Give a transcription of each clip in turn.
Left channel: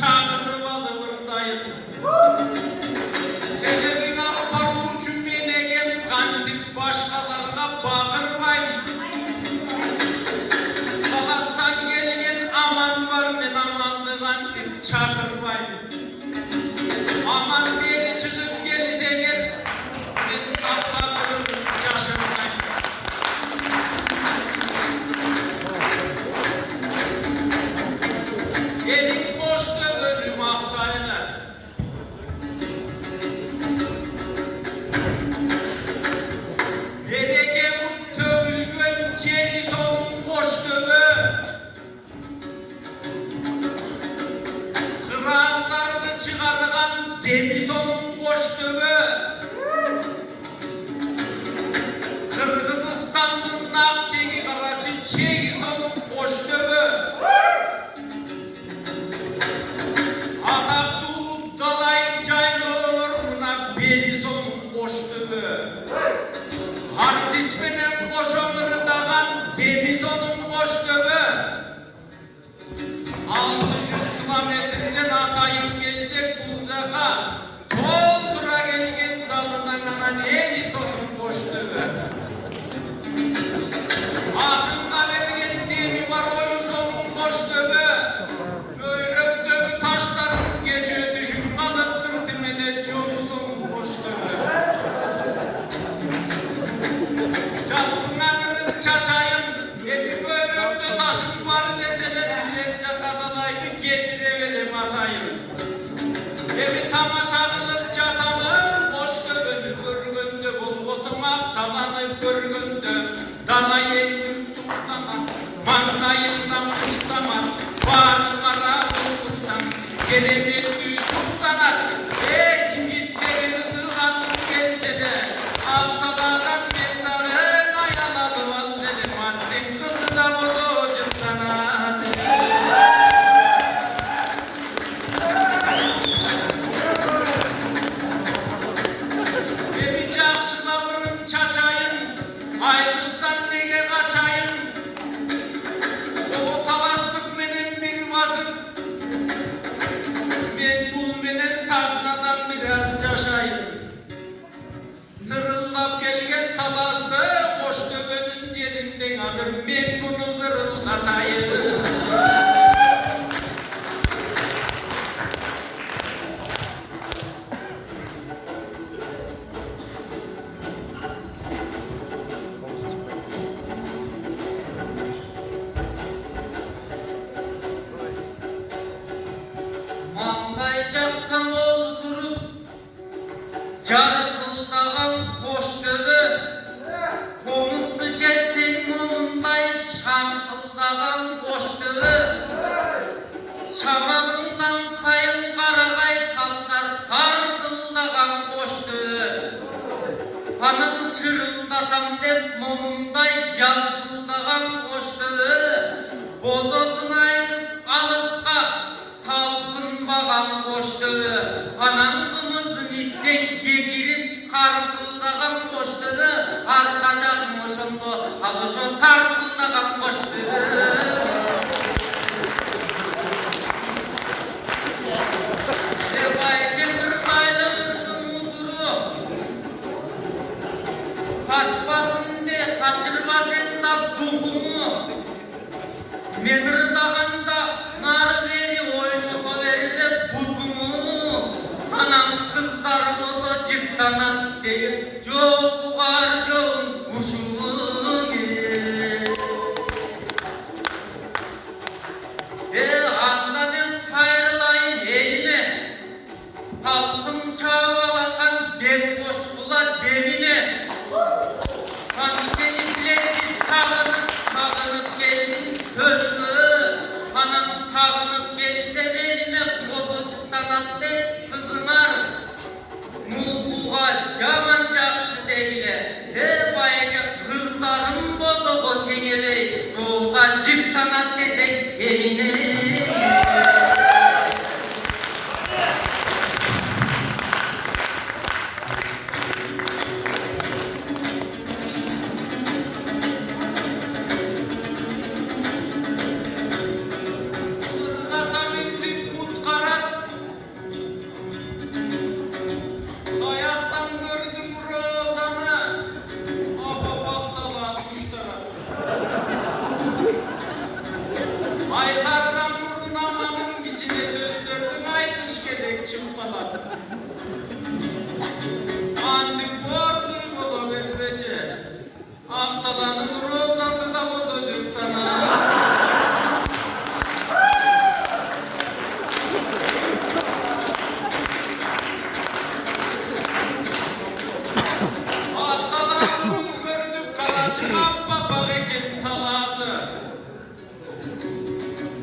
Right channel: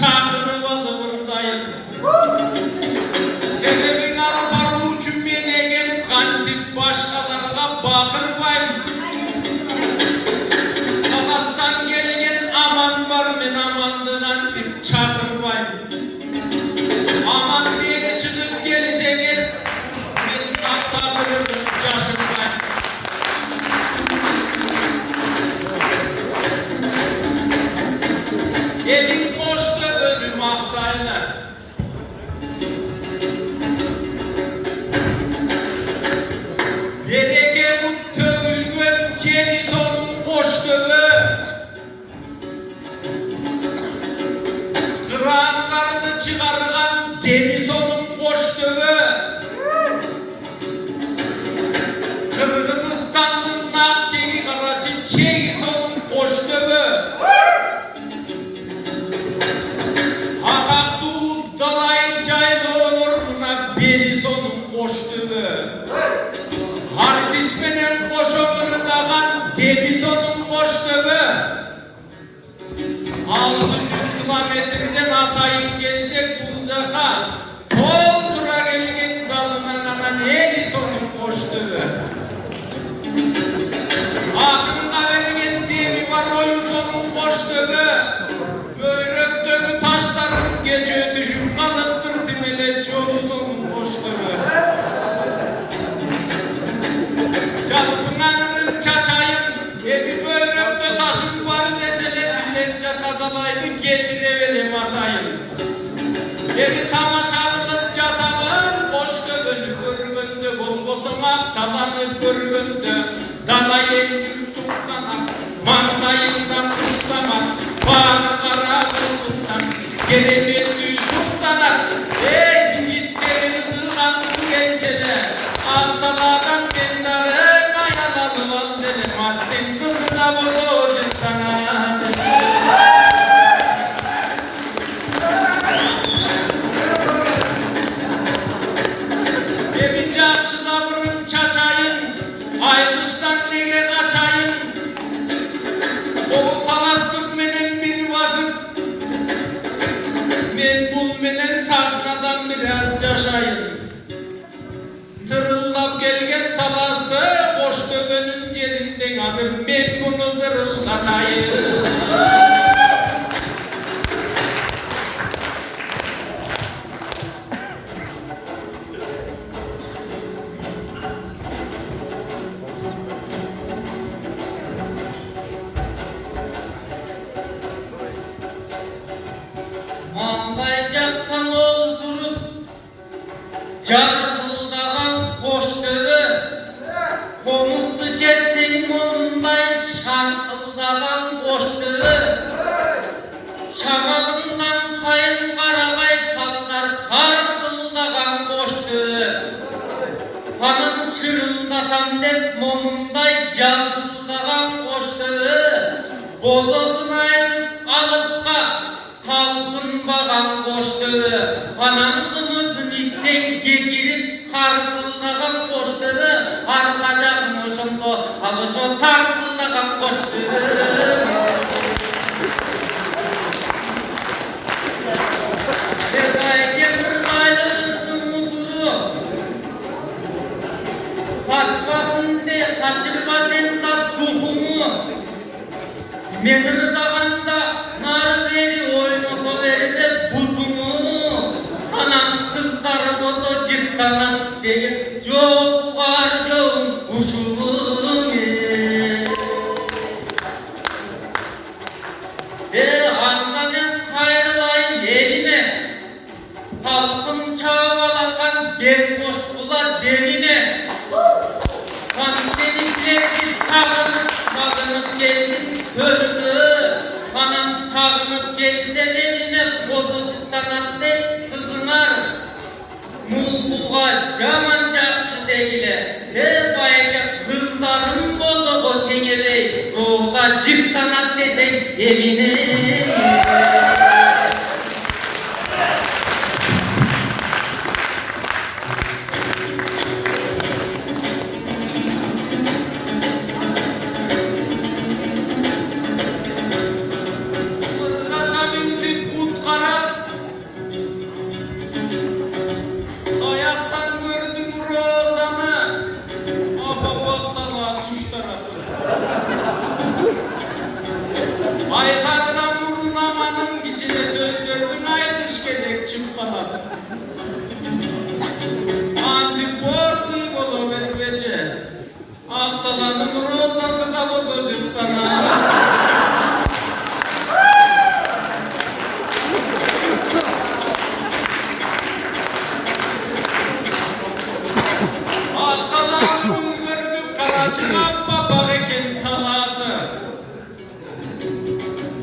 çakırıp alıvırdayım. Sebebin arparu üçün ben egem kantip başkalarına batırmayım. Kalastan gelgen aman var men amandı kantip çakırmayım. Aman beni çıkıp gelirse gel, ben kaptanırım şaşırmayım. Evin boşta ölüm aktaylar. Dereke bu tövülgön ceviz onun boşluğu. Kıraatlarını çıkarılan deniz onun boşluğu. Kırgızistan'ın Nakçeli aracı ceviz onun boşluğu. Hakaktuğun dalay caylı olur buna beliz onun boşluğu. Hartismenen koşulur dağan deniz onun boşluğu. 600 kilometreden atayım gelsek bulacaka doldura gelgen zalına kana deniz onun boşluğu. Akınla vergen demi var oyuz onun boşluğu. Böğröktövü taşların gece düşüp kalıptır dimele çolu sonun boşluğu. Canımın ağırın çaçayım, evi böğröktö taşın var desene silerce kadalaydı getireverim atayım. Evi tamaşağılıp çatamın boşluğunu görgöndü bulbosamak talanı görgöndü. Dalay elgir tuktamak, mandayından kışlamak, bağrı kara buluttan gelemekli tuktanak. Civitleri sığan bu elçede, Akdaladan ben dağı kayanalı val dedim. Haddin kızı da bunu cıkkanadı. Evi çakşıda vurun çaçayın, ay dıştan nege kaçayın. O talastık menen bir vazım. Ben bul menen sahnadan biraz caşayım. Tırıllap gelgen talastı boş dövünün cerinden hazır. Ben bunu zırıllatayım. Mandaycaktan oldurup carıldağın boşluğu, komustu çersin molunday şarkıldağın boşluğu. Şamalından kayın karagay kalkar karzıldağın boşluğu. Hanım şırıldağın dep momunday carıldağın boşluğu. Bozosunu aytıp alıpka talpınbağan boşluğu. Anamımızın itten gekirip karsıldağan boşluğu. Arkacakmışım da alışo tarsıldağan boşluğu. Devay demir aylığın muturu. Kaçmasın de kaçırmasın da duhumu. Mehırdağında nar veri oyunu verip butumu. Anam kızlar bozo ciptanan deyip çok var çok uşumu. Anda ben kayırlayın eline. Halkım çavalakan dem boş bular demine. Denizlerini sağınıp geldin körünü. Anam sağınıp gelse eline bozucuktan attı kızılar. Mulbuğa caman cakşı deyle. Her bayga kızların bozuğu tengereyi. Doğuğa çıktan at desek evine. geçip kalan. Antiporsi bolu vermece. Ahtalanın rozası da bozacıklara. Ahtalanın gördük Karaçıkan baba ekin talası.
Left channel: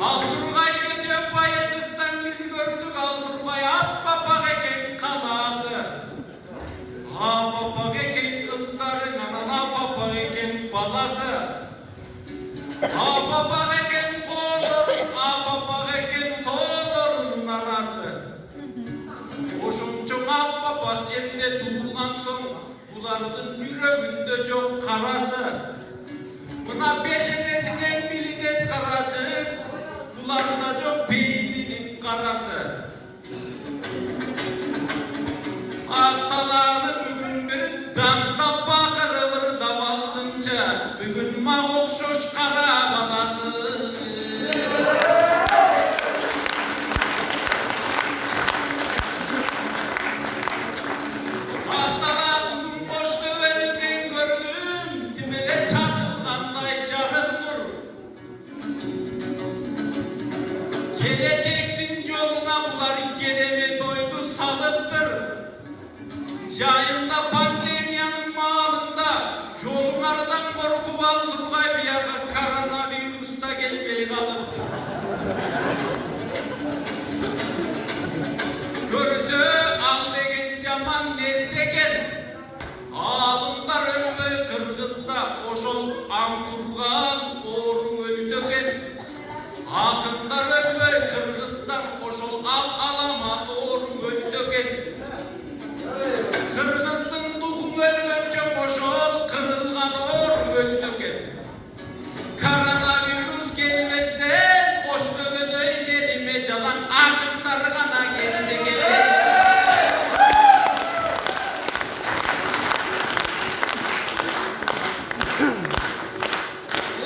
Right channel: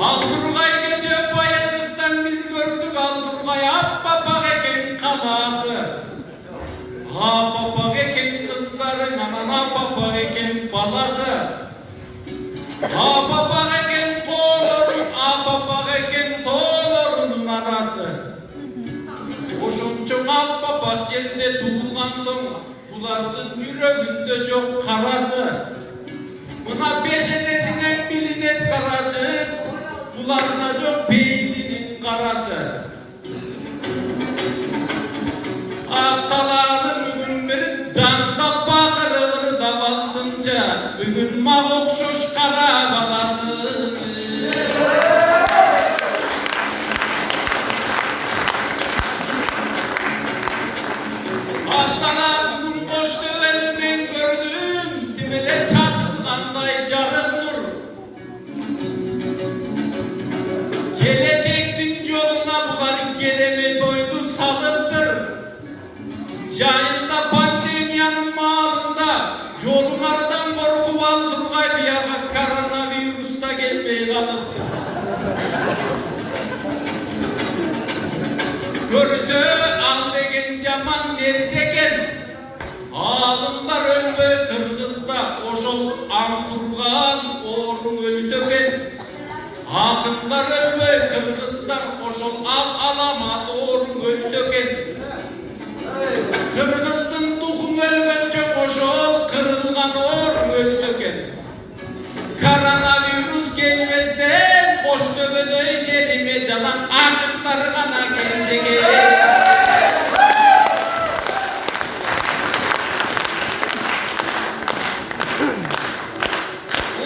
Alturgay geçen bayadıktan biz gördük Alturgay baba ekin kalası. Ha baba ekin kızların anana baba ekin balası. Ha baba ekin kolorun, ha baba ekin tolorunun arası. Oşunçun abba bahçede tuğulgan son, bularının yüreğinde çok karası. Buna beşenesinden bilinen karacı, bularına çok beyninin karası. Ahtalanı bugün bir danda bakırır da balsınca, bugün mağuk şoş kara balası. Ahtalar bugün boş döveni ben gördüm, dimele çatılganday carındır. Gelecektin yoluna bular geleni doydu salıptır. Yayında pandemiyanın mağalında yollardan korkup Alturgay bir yaka koronavirüsta gelmeye kalıptır. Görüsü al degen caman nerizeken, ağlımlar ölme Kırgız'da oşol Anturgan oğlum ölsöken. Hatınlar ölme Kırgız'da oşol alamat oğlum ölsöken. Kırgız'ın tuğum ölmemce oşol kırılgan oğlum ölsöken. Koronavirüs gelmezden boş dövene kelime calan akıtları gana gelsege.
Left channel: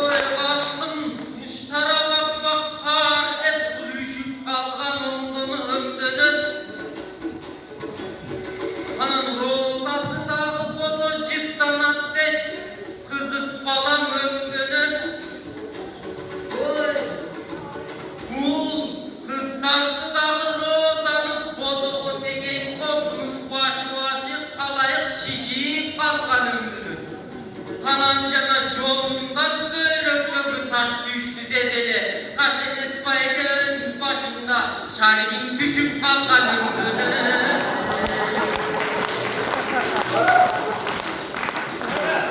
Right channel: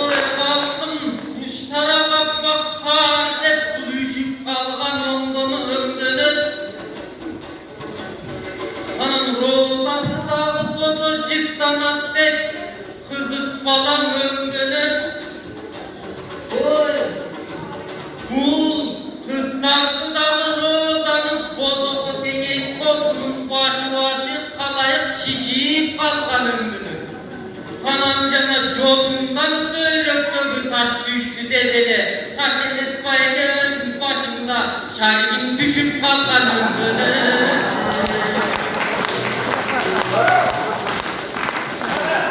Oy kalkın kuşlara bak kar hep uyuşup kalgan ondan ömdönür. Hanım rozası dağıp bozu çıktan atlet kızıp balan ömdönür. Oy kul kızlardı dalı rozanın bozu degen toplum başı kalayıp şişip kalkan ömdönür. Kanancana yolundan böröklögü taş düştü dedele. Taş edes bayken başında şarkın düşüp kalkan ömdönür.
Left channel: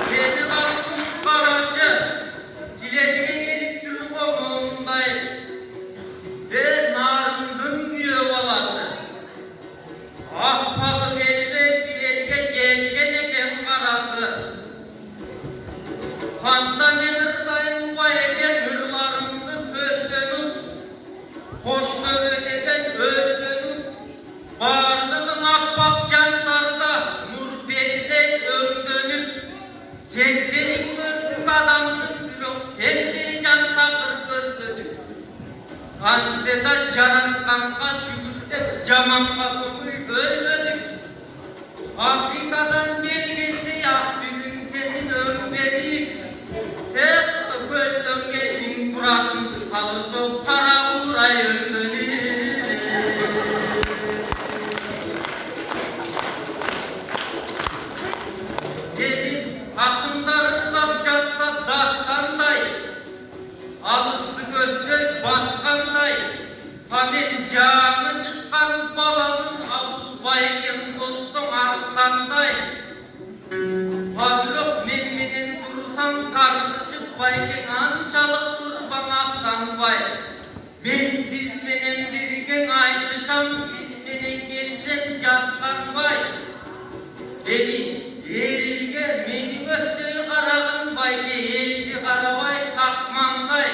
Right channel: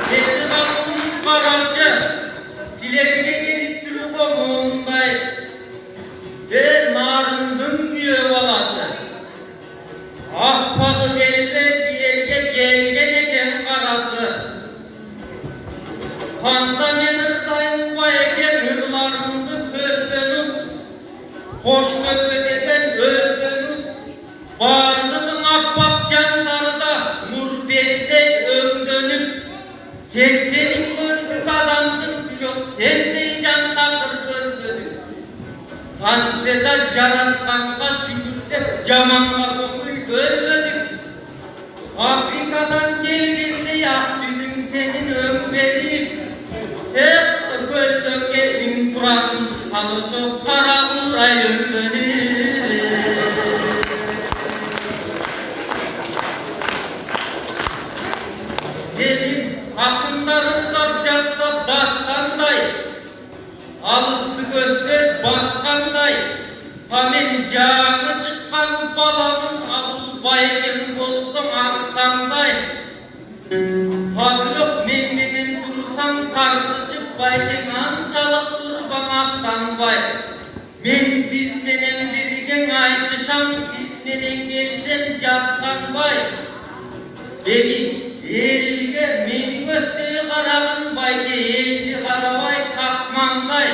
Kendi baktım Karaçı, silerini gelip duruk oğlumday. Ben narındım diyor balası. Ahpalı elde bir yerge gelgen eken karası. Handa menırdayım bayken hırlarımdı kördönüm. Hoş öğreden ördönüm. Bağırdım ahbap canlarda nur deride ömdönüm. Seksenin gördüm adamdım yok sende canda kırdönüm. Hanzeda carattanka şükürde camanla dokul ölmedik. Afrika'dan gelgende yak yüzüm senin ömreli. Hep gölden geldim kuradım alışıp kara uğray ömdönüm. Benim hakkındarından çatsa dastanday, alıştı gözler baskanday, kamen canı çıkan balamın abul bayken bolsun ağızdanday. Padrok memninin dursan kardeşim bayken ançalık durbamaktan bay. Men sizlenen birgen aytışam sizlenen gelsen jaskan bay. Elge men gösteri karagın bayke elgi karabay takmanday.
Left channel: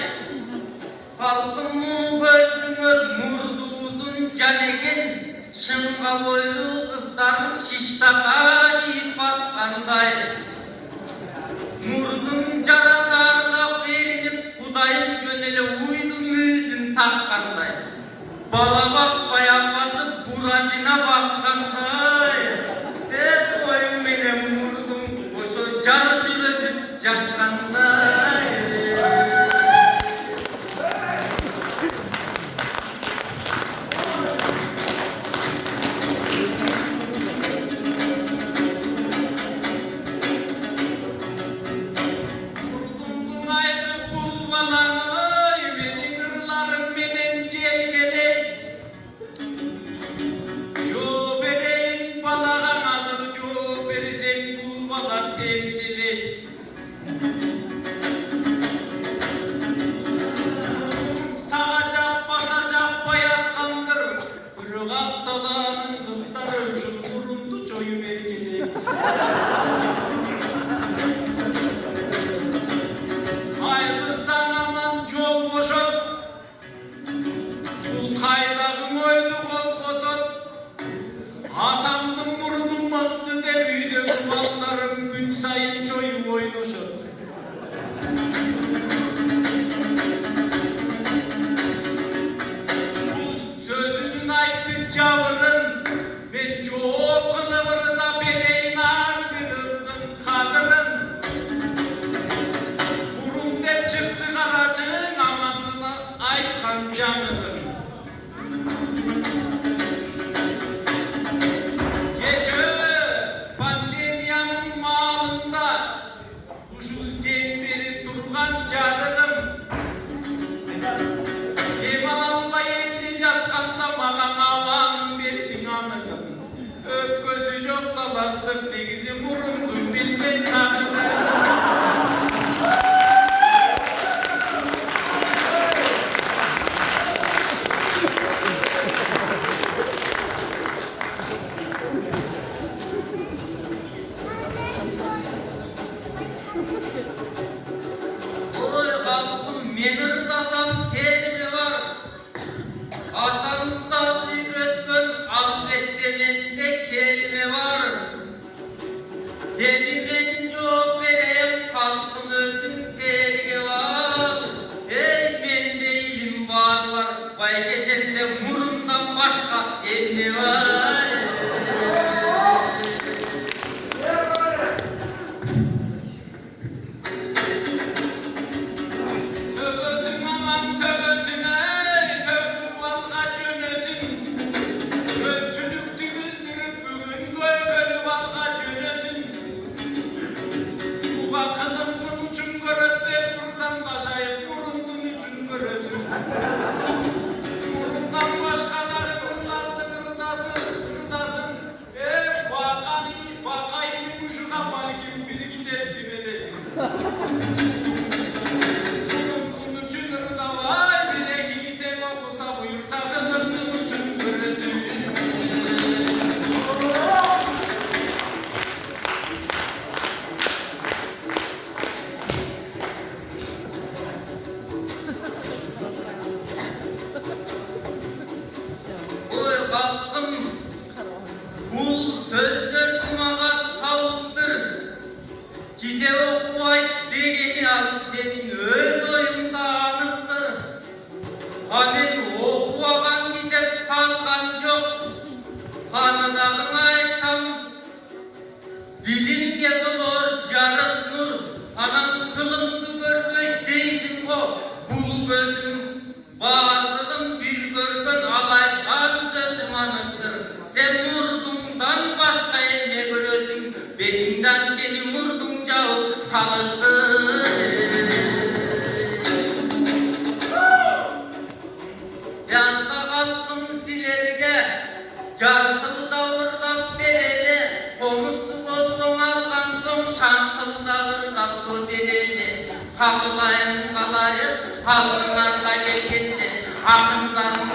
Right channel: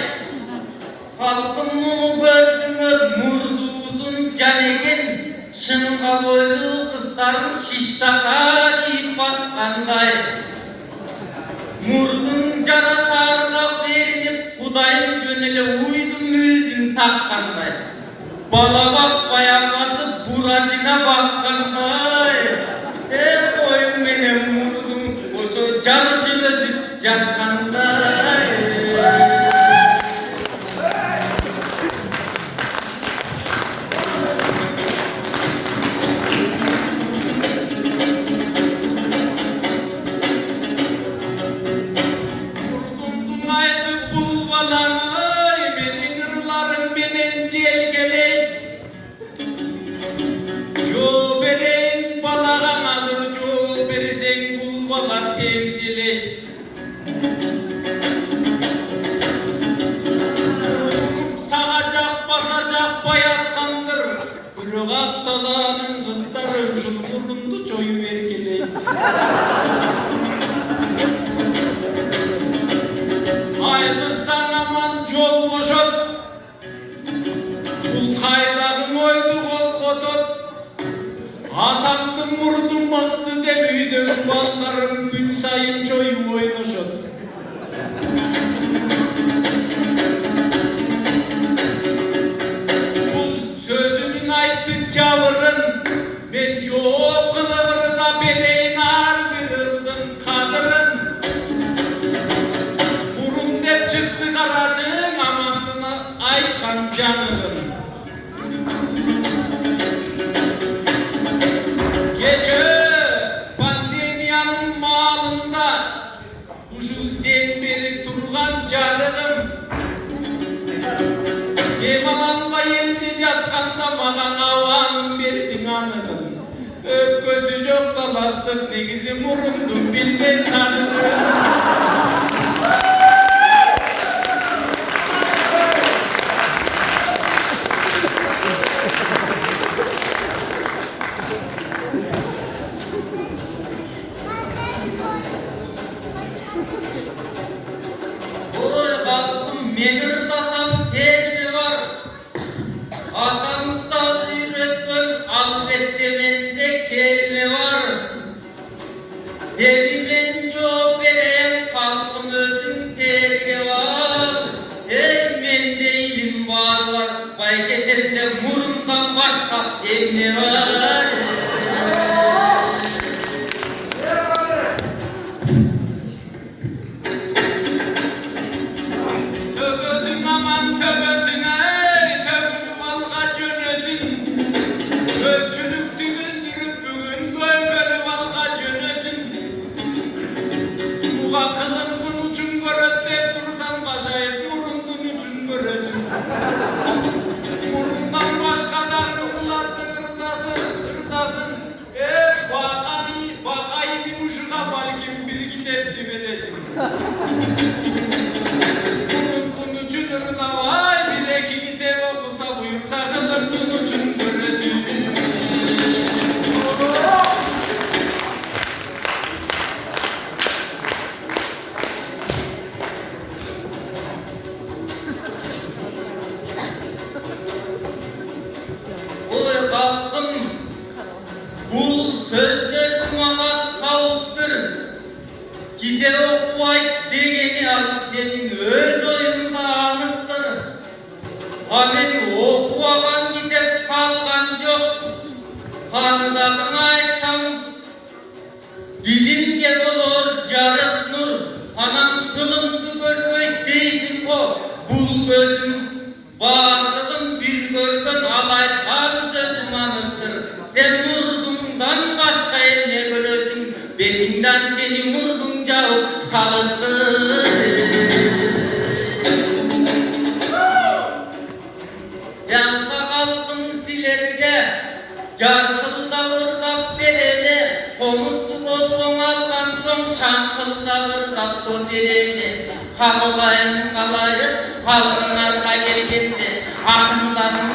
Halkım bunu gördüңөр murdu uzun can eken, şınga boylu kızların şiştaka deyip baskanday. Murdun jaratarına verilip Kudayın jönele uydum yüzün takkanday. Bala bak bayanması suratına bakkanday, boyun menen murdum, oşo canışı gözüp jakkanday. Vurdumdun aydı bulvalanay, meni gırlarım menen jelgeley. Jo bereyin balağan hazır, jo beresen bulvalar temsiley. Sağacak basacak bayatkandır, Ürgat dağının kızları şun burundu çoyu vergeley. Ayrılsan aman jol boşot, Bul kaydağın oydu kozgotot, Atamdın murdum mıhtı de büyüdü, Kuvallarım gün sayın çoyu oynoşot. Sözünün ayttı çavırın, ben çok kılıvırda bereyin ardırırdın kadırın. Burun dep çıktı karacığın, amandına aykan canırın. Gece pandemiyanın malında, Uşulden beri durgan canırım. Emanalba yendi jatkanda magan avanın berdin anırım. Öp gözü yok talastık negizi murundum bilmey tanırım. Oy balkım menir dasam terli var. Hasan Usta öğretmen albette mende kelime var. Elimin çok vereyim kalkım özüm terli var. Mende ilim var. Vay kesemde murundan başka elme var. Tövözün aman tövözün ey, tövünü valga cönesin. Ölçülük dügüldürüp bugün gölgölü valga cönesin. Buğa kılındın uçun göröp dep dursan kaşayıp murundun üçün görösün. Murundan başka da gırlattı gırdasın. Bakayı uşuğa balkim bir gidepti veresin. Bunun üçün ırda vay, bileki gide okusa buyursa kılıntın üçün görürsün. Oy balkım, bu sözler bana tavuktur. Gide okuvay degeni al senin öz oyunda anıktır. Hani okuvagan gidip kalkan çok. Kanıdadın aytsam, bilimge olur jarık nur. Anam kılımdı görmek değilsin o. Bul gözüm, bağırdım bir görgün alaytlar sözüm anıktır. Sen vurdumdan başka ne görürsün? Benimden beni vurdunca kalıttır. Yanında kalkın silerge, Carkılda vırdak verene, Komusluk oldum algan son şankılda vırdak dur verene. Halılayın kalayın, halkın arka gelgende, akınların